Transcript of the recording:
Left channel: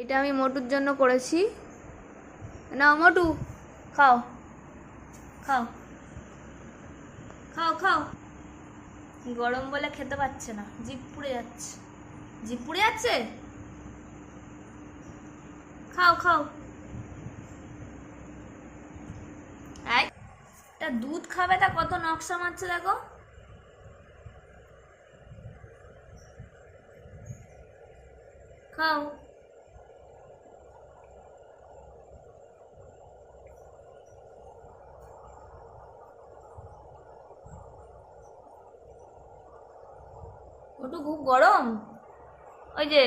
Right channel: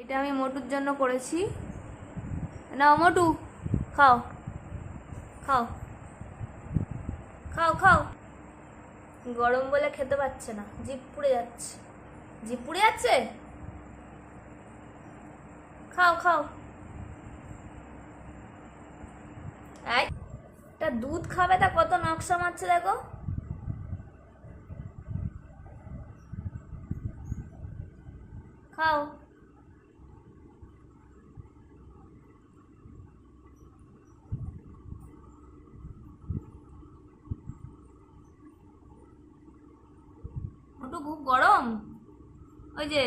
এটা আমি মোটুর জন্য করেছি। নাও মোটু, খাও খাও খাও খাও। গরম বলে খেতে পাচ্ছে না, জিভ পুড়ে যাচ্ছে। জিভ পুড়ে যাচ্ছে, খাও খাও। এই, এটা দুধ খাবে, তা কত নকশা মারছে দেখো। খাও। মোটু খুব গরম, ওই যে